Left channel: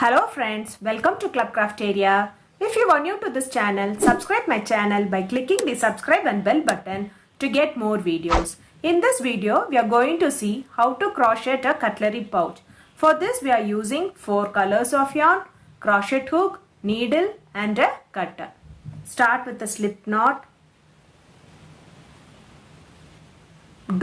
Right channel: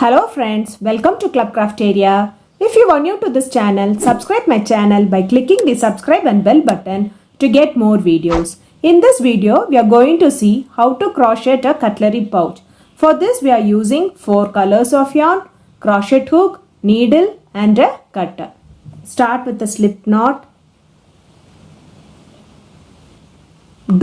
Hello friends, welcome to Club Crafteria. If you are new to this channel, subscribe my channel by clicking the subscribe and bell button to get more videos. In this video, we are going to see how to crochet a cutlery pouch. For this, we are using 4 colors of yarn, crochet hook, needle and a cutter. Start with the slip knot.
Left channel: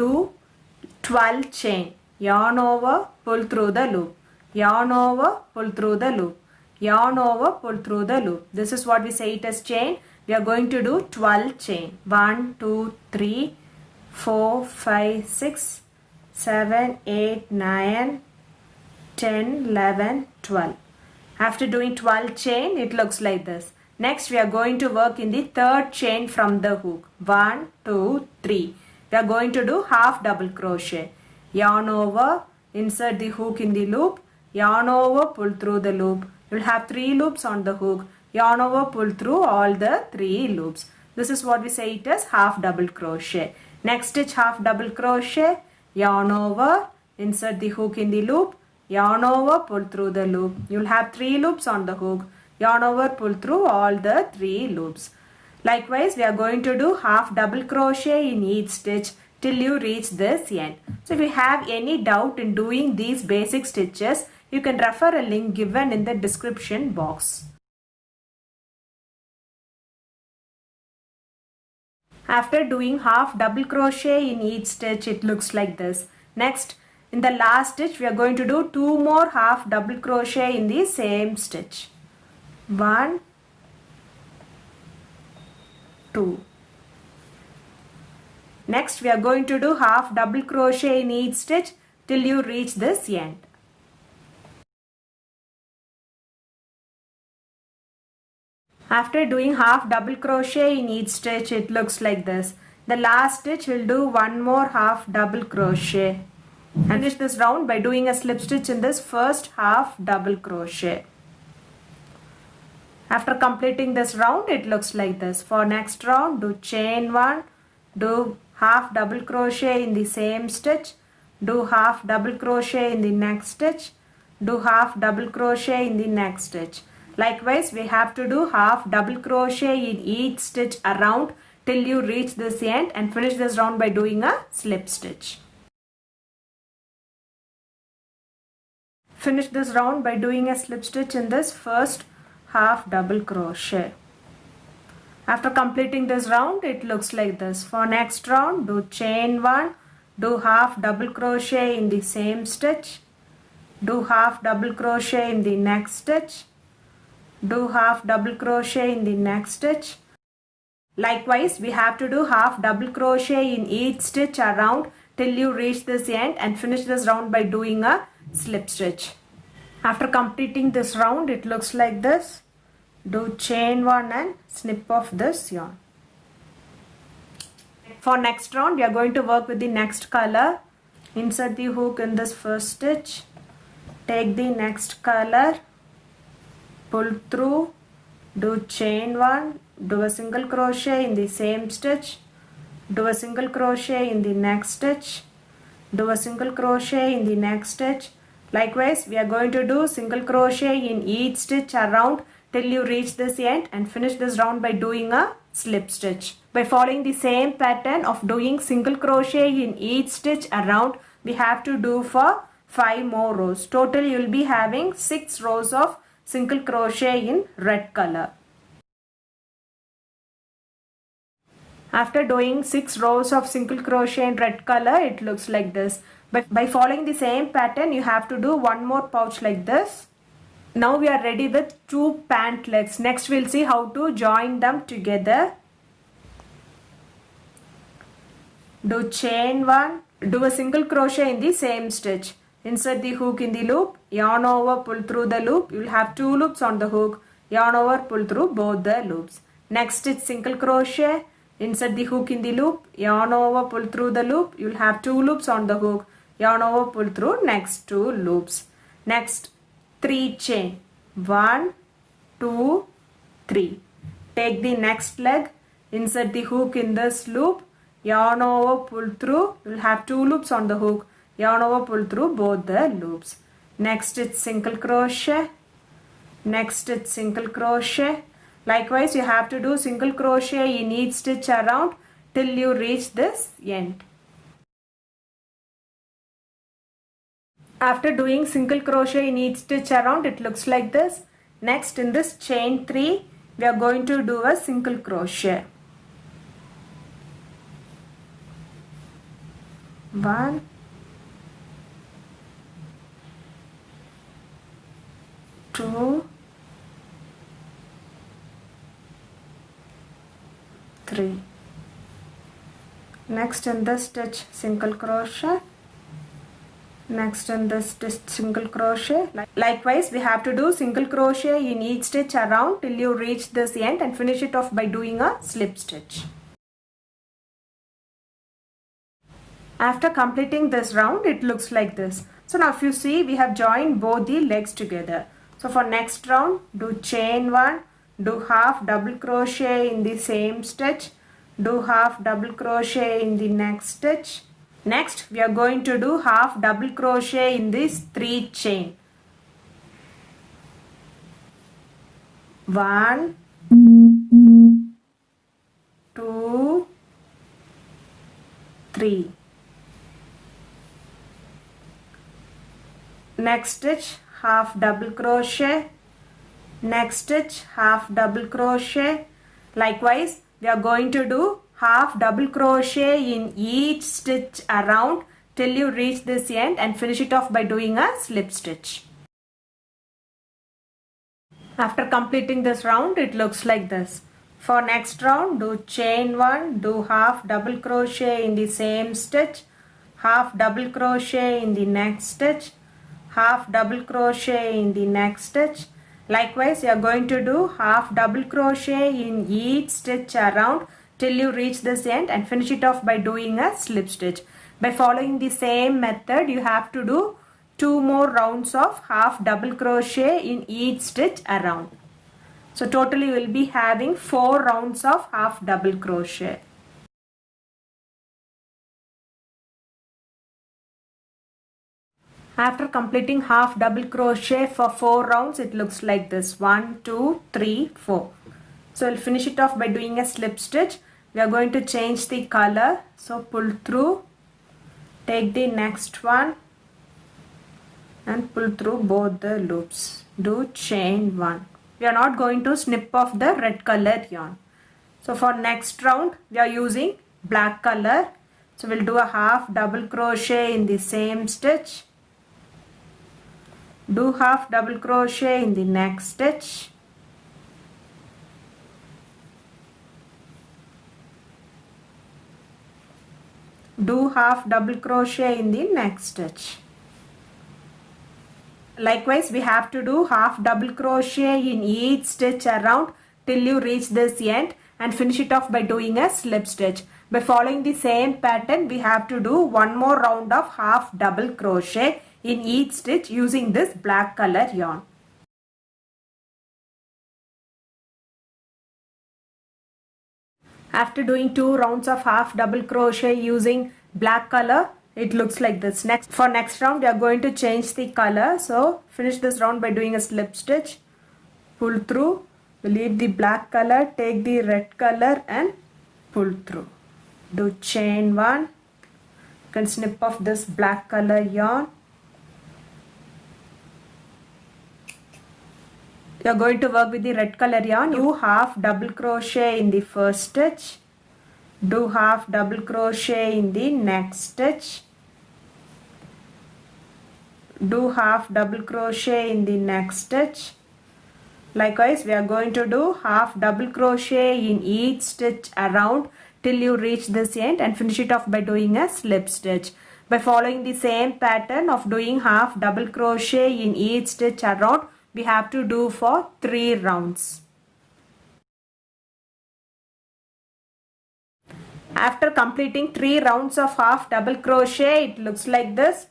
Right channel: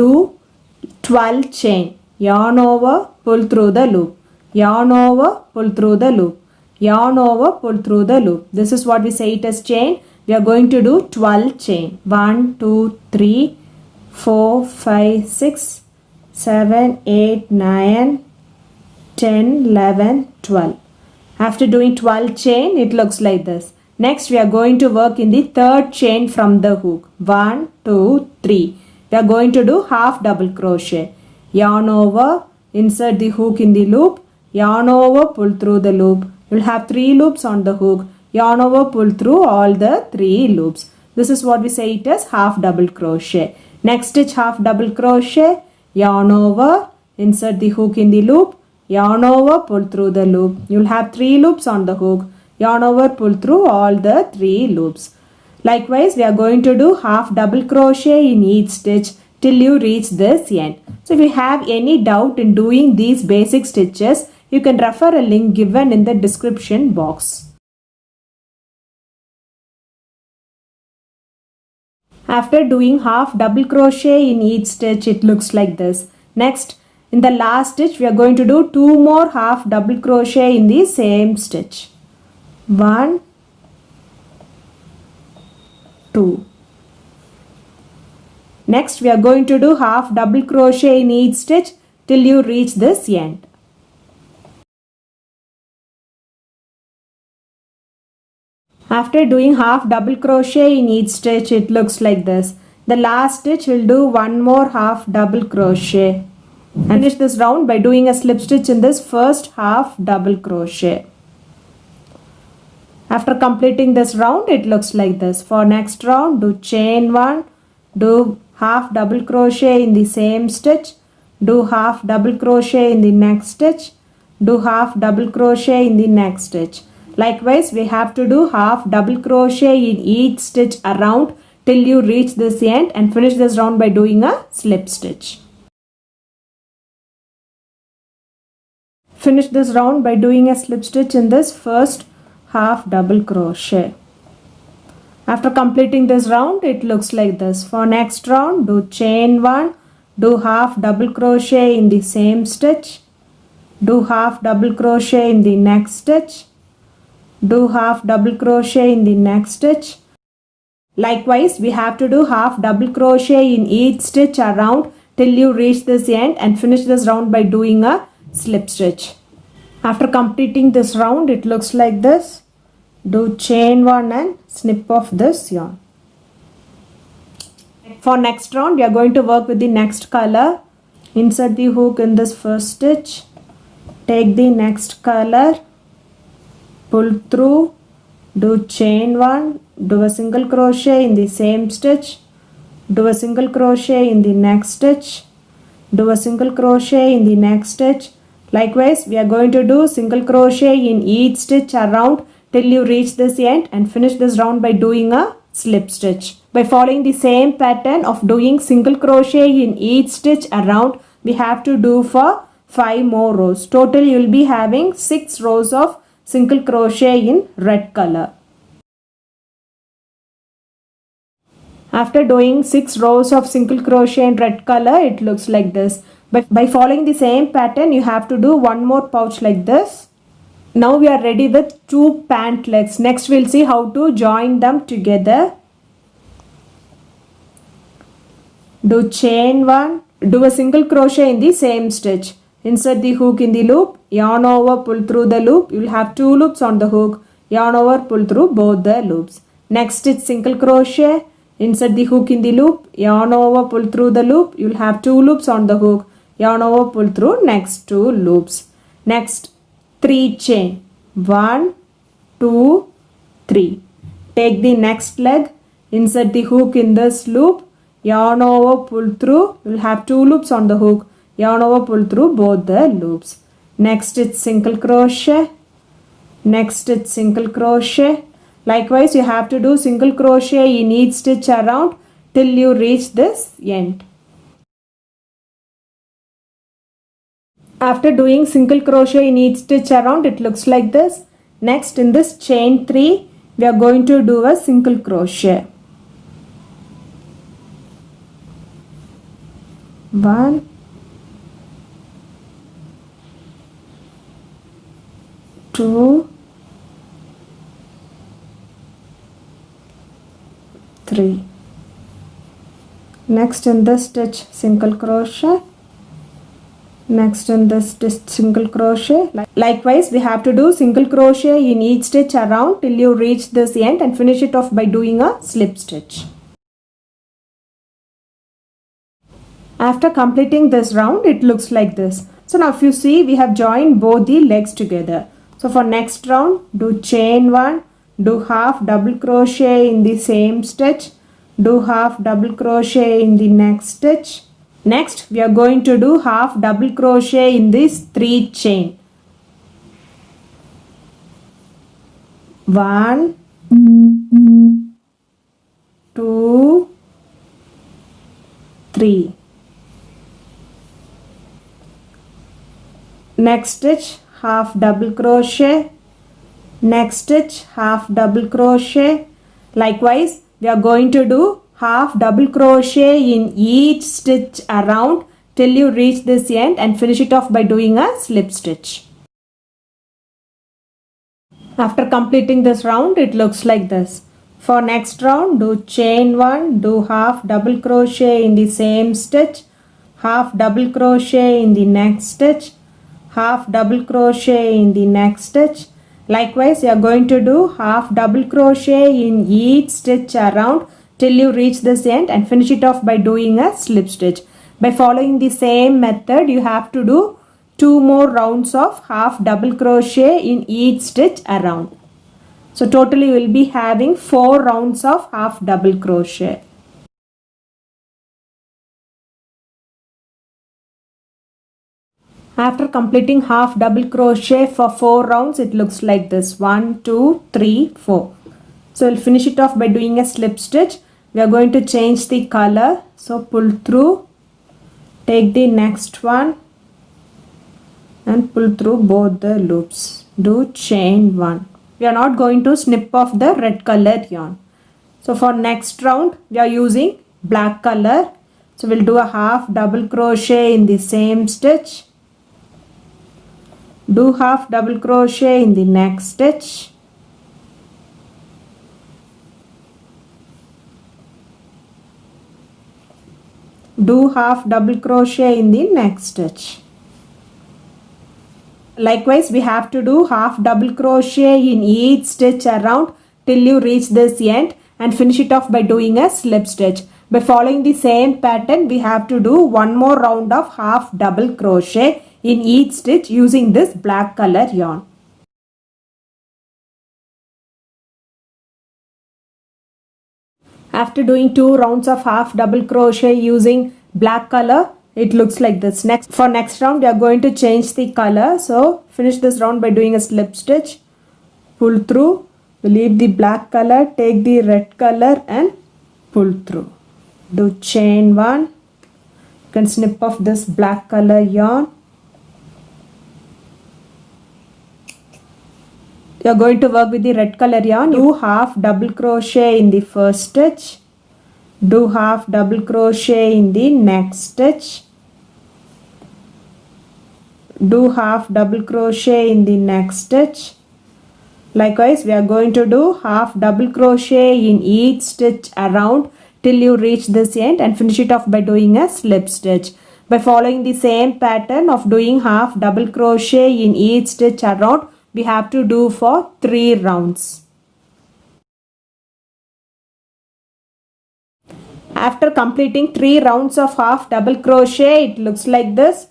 Do 12 chain, yarn over, pull through the loop. Yarn over, pull through the loop. Yarn over, pull through the loop. This is what we say it as chain. We are going to do 12 chain. 1, 2, 3, 4, 5, 6, 7, 8, 9, 10, 11, 12. After doing 12 chain, it looks like this. Next, we are going to work in the third chain from the hook. 1, 2, 3. We are going to do half double crochet. Yarn over, insert the hook in the loop. Yarn over, pull through the loop. You will have 3 loops on the hook. Yarn over, pull through all the 3 loops. This is what we say it as half double crochet. Next stitch half double crochet. Yarn over, insert the hook in the loop. Yarn over, pull through the loop. You will have 3 loops on the hook. Yarn over, pull through all the 3 loops. Likewise, we are going to do half double crochet in each stitch till you reach this end. So if you have any doubt in doing these basic stitches, you can refer a link given in the description box. After doing half double crochet in each stitch, it looks like this. Next, in the last stitch, we are going to do 2 more half double crochet in the same stitch. 1, 2. Next, we are going to do half double crochet in each stitch till you reach this end. After doing half double crochet in each stitch, it looks like this. The last stitch will do 1 more half double crochet. And finish this round by doing a slip stitch in this first half double crochet. After completing this round, it looks like this. For next round, do chain 1, do half double crochet in the same stitch, do half double crochet in the next stitch, do half double crochet in the next stitch. Likewise, we have to do half double crochet in each stitch around till you reach this end and finish this round by doing a slip stitch. Finish this round by doing a slip stitch in this first half double crochet. After completing this round, it looks like this. For next round, do chain 1, do half double crochet in the same stitch, do half double crochet in the next stitch, do half double crochet in the next stitch. Likewise, we have to do half double crochet in each stitch around till you reach this end and finish this round by doing a slip stitch. After completing this round, it looks like this. Do chain 1 and snip off this yarn. For next round, we are going to work with the next color. Insert the hook in this first stitch. Take the next color. Pull through, do chain 1, do a single crochet in the same stitch, do a single crochet in the next stitch, do a single crochet in the next stitch. Likewise, we are going to do single crochet in each stitch around till you reach this end and finish this round by doing a slip stitch. By following the same pattern of doing single crochet in each stitch around, we have to do for 5 more rows. Total, you will be having 6 rows of single crochet in red color. After doing 6 rows of single crochet in red color, it looks like this. But by following the same pattern, you have to do 1 more pouch like this. Now we are ready with 2 pant legs. Next we'll see how to join them together. Do chain 1, do a single crochet in the same stitch. Insert the hook in the loop, yarn over, pull through the loop. You will have 2 loops on the hook. Yarn over, pull through both the loops. Next stitch single crochet. Insert the hook in the loop, yarn over, pull through the loop. You will have 2 loops on the hook. Yarn over, pull through next 2 loops. Next 3 chain. 1, 2, 3. Take the next leg. Insert the hook in this loop. Yarn over, pull through. You will have 2 loops on the hook. Yarn over, pull through both the loops. Next it's single crochet. next stitch single crochet. Likewise, you have to do single crochet in each stitch around till you reach this end. After doing single crochet in each stitch around, it looks like this. Next, in this chain 3, we are going to do a single crochet. 1, 2, 3. Next in this stitch single crochet. Next in this stitch single crochet. Likewise, we have to do single crochet in each stitch around till you reach this end and finish it off by doing a slip stitch. After completing this round, it looks like this. So now if you see, we have joined both the legs together. So for next round, do chain 1, do half double crochet in the same stitch, do half double crochet in the next stitch. Next, we are going to do half double crochet in this 3 chain. 1, 2, 3. Next stitch half double crochet, next stitch half double crochet. Likewise, we are going to do half double crochet in each stitch around till you reach this end and finish it off by doing a slip stitch. After completing this round, it looks like this. For next round, do chain 1, do half double crochet in the same stitch, half double crochet in the next stitch, half double crochet in the next stitch. Likewise, you are going to do half double crochet in each stitch around till you reach this end and finish it off by doing a slip stitch. By following the same method, you have to do 2 more rounds of half double crochet in each stitch around. So totally you will be having 4 rounds of half double crochet. After completing half double crochet for 4 rounds, it looks like this. 1, 2, 3, 4. So we'll finish it off by doing a slip stitch. We are going to change the color. So pull through, take the next one and pull through both the loops. Do chain 1. We are not going to snip off the red color yarn. So for next round, we are using black color. So we'll do a half double crochet in the same stitch. Do half double crochet in the next stitch. Do half double crochet in the next stitch. Likewise, we have to do half double crochet in each stitch around till you reach this end and finish it off by doing a slip stitch. By following the same pattern, we have to do 1 more round of half double crochet in each stitch using this black color yarn. After doing 2 rounds of half double crochet using black color, it looks like this. For next round, we are going to change the color. So finish this round by doing a slip stitch, pull through, leave the black color, take the red color and pull through. Do chain 1. You can snip off this black color yarn. You are going to work with the red color yarn. Do half double crochet in the first stitch. Do half double crochet in the next stitch. Do half double crochet in the next stitch. Likewise, we are going to do half double crochet in each stitch around till you reach this end and finish it off by doing a slip stitch. By following the same pattern of doing half double crochet in each stitch around, we have to do for 3 rounds. After completing 3 rounds of half double crochet, it looks like this.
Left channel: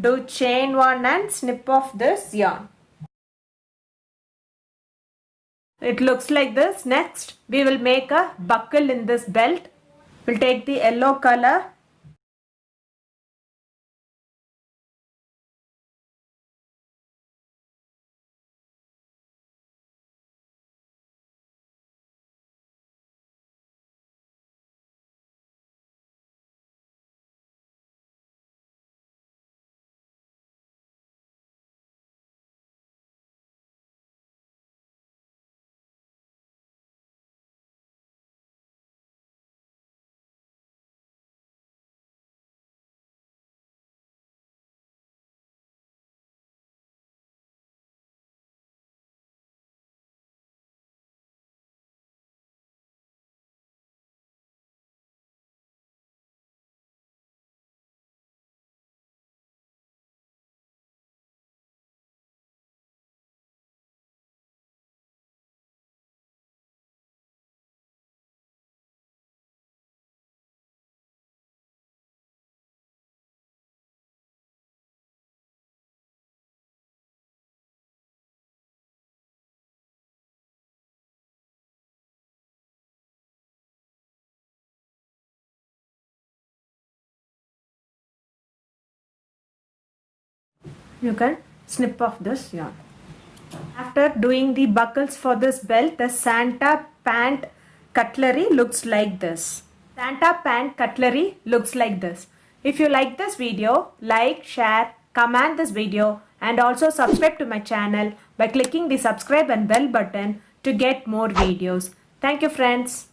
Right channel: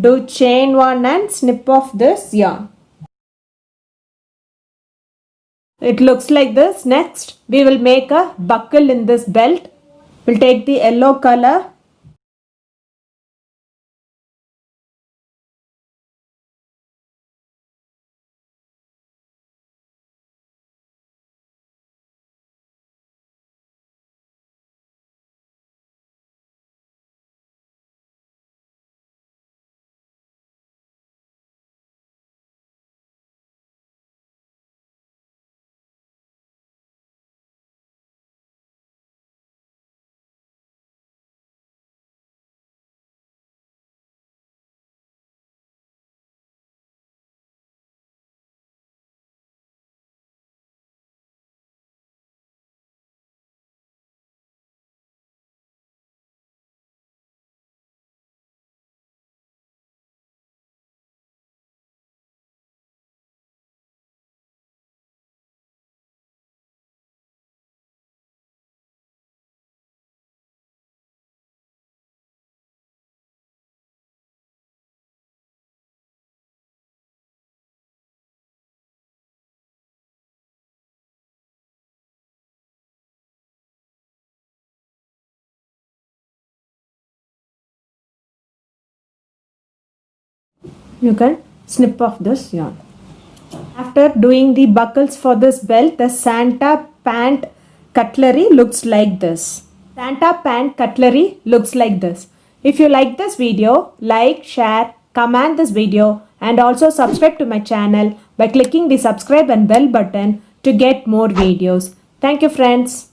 Do chain 1 and snip off this yarn. It looks like this. Next, we will make a buckle in this belt. We'll take the yellow color. You can snip off this yarn. After doing the buckles for this belt, the Santa pant cutlery looks like this. Santa pant cutlery looks like this. If you like this video, like, share, comment this video and also subscribe to my channel by clicking the subscribe and bell button to get more videos. Thank you friends.